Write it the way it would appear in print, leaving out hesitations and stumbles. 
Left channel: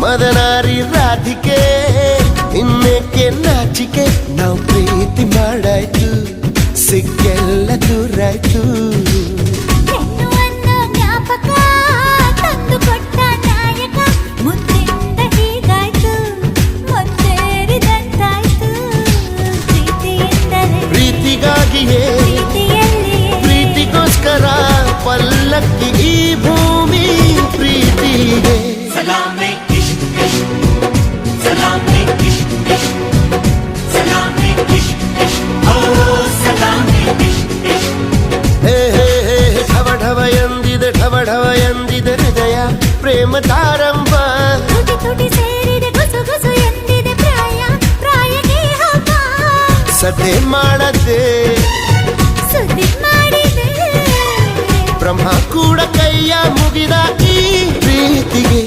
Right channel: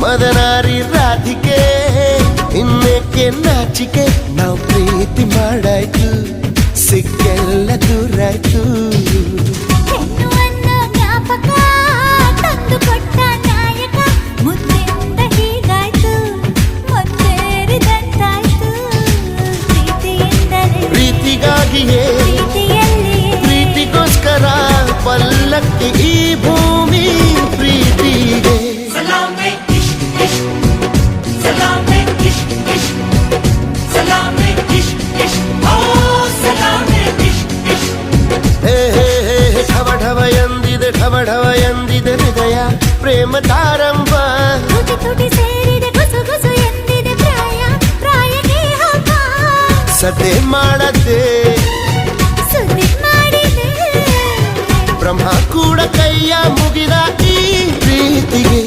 ಮದನಾರಿ ರಾಧಿಕೆ ಇನ್ನೇಕೆ ನಾಚಿಕೆ ನಾವು ಪ್ರೀತಿ ಮಾಡಾಯ್ತು ಸಿಕ್ಕೆಲ್ಲ ದೂರಾಯ್ತು ಹೆಣ್ಣು ಅನ್ನೋ ಜ್ಞಾಪಕ ತಂದು ಕೊಟ್ಟ ನಾಯಕ ಮುದ್ದಿಂದ ಹೀಗಾಯ್ತು ಮುತ್ತೇರಿದಂತಾಯ್ತು ಪ್ರೀತಿಯಿಂದಲೇ ಪ್ರೀತಿಗಾಗಿಯೇ ಪ್ರೀತಿಯಲ್ಲಿಯೇ ಪ್ರೀತಿಗೋಸ್ಕರ ಪಲ್ಲಕ್ಕಿ ಈ ಭೂಮಿ ಪ್ರೀತಿಗೆ ಢವ ಎಂದಿದೆ ಢವ ಢವ ಎಂದಿದೆ ಹೃದಯ ಪ್ರೇಮ ತಾರಂಭ ತುಟಿ ತುಟಿ ಸೇರಿದೆ ಗುಸು ಗುಸು ಎಂದಿದೆ ಪ್ರಾಯ ಪ್ರಾಯಕ್ಕೆ ಹಬ್ಬ ಸದ್ದೆ ಮಾಡದೆ ಸುದ್ದಿ ಮಾಡಿದೆ ಬ್ರಹ್ಮ ಕೂಡ ಕೈಯ ಮುಗಿದ ಈ ಪ್ರೀತಿಗೆ